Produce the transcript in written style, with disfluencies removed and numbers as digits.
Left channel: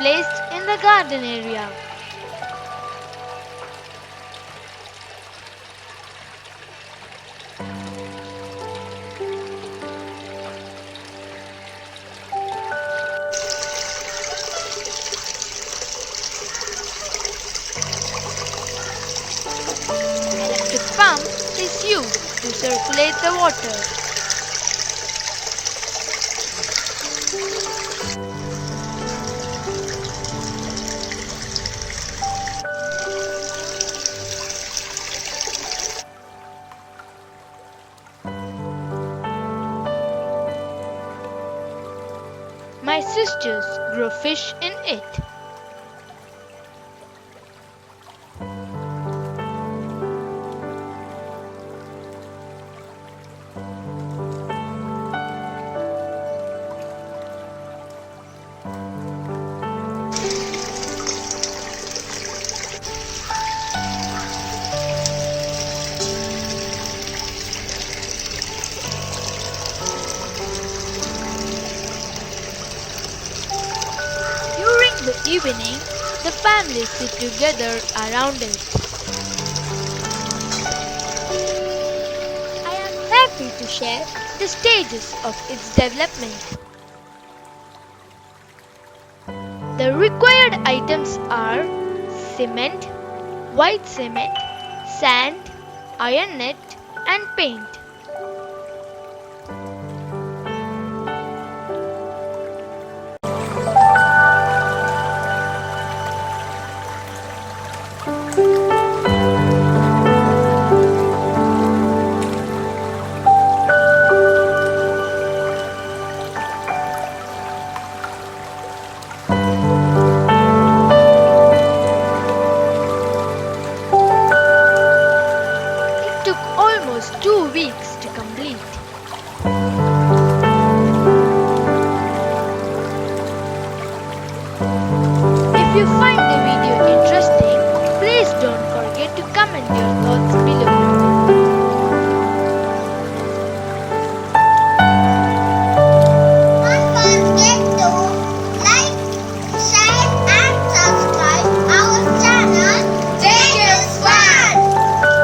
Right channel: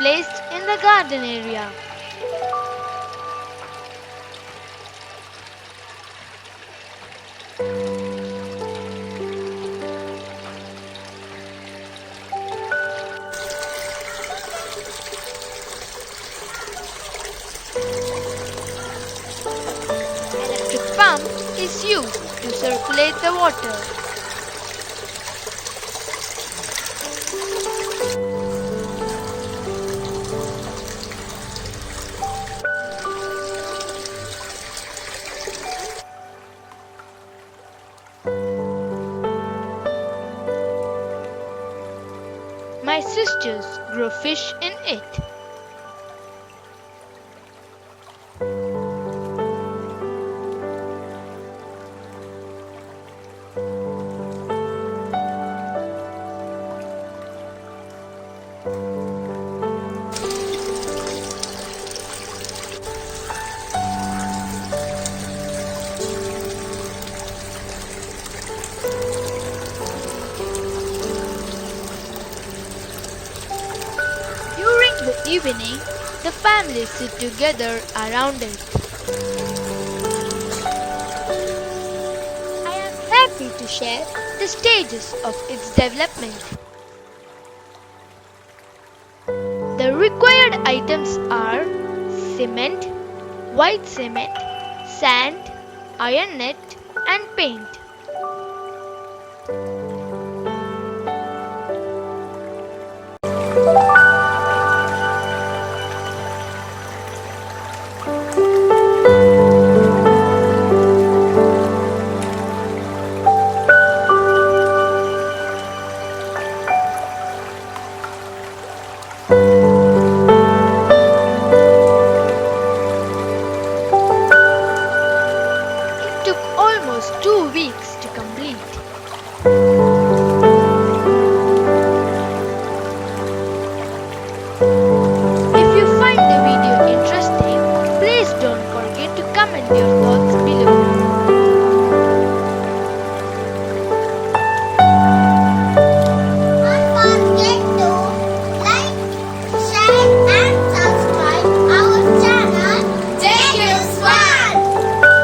placed in the garden area. Electric pump is used to circulate the water. My sisters grow fish in it. During the evening, the family sit together around it. I am happy to share the stages of its development. The required items are cement, white cement, sand, iron net, and paint.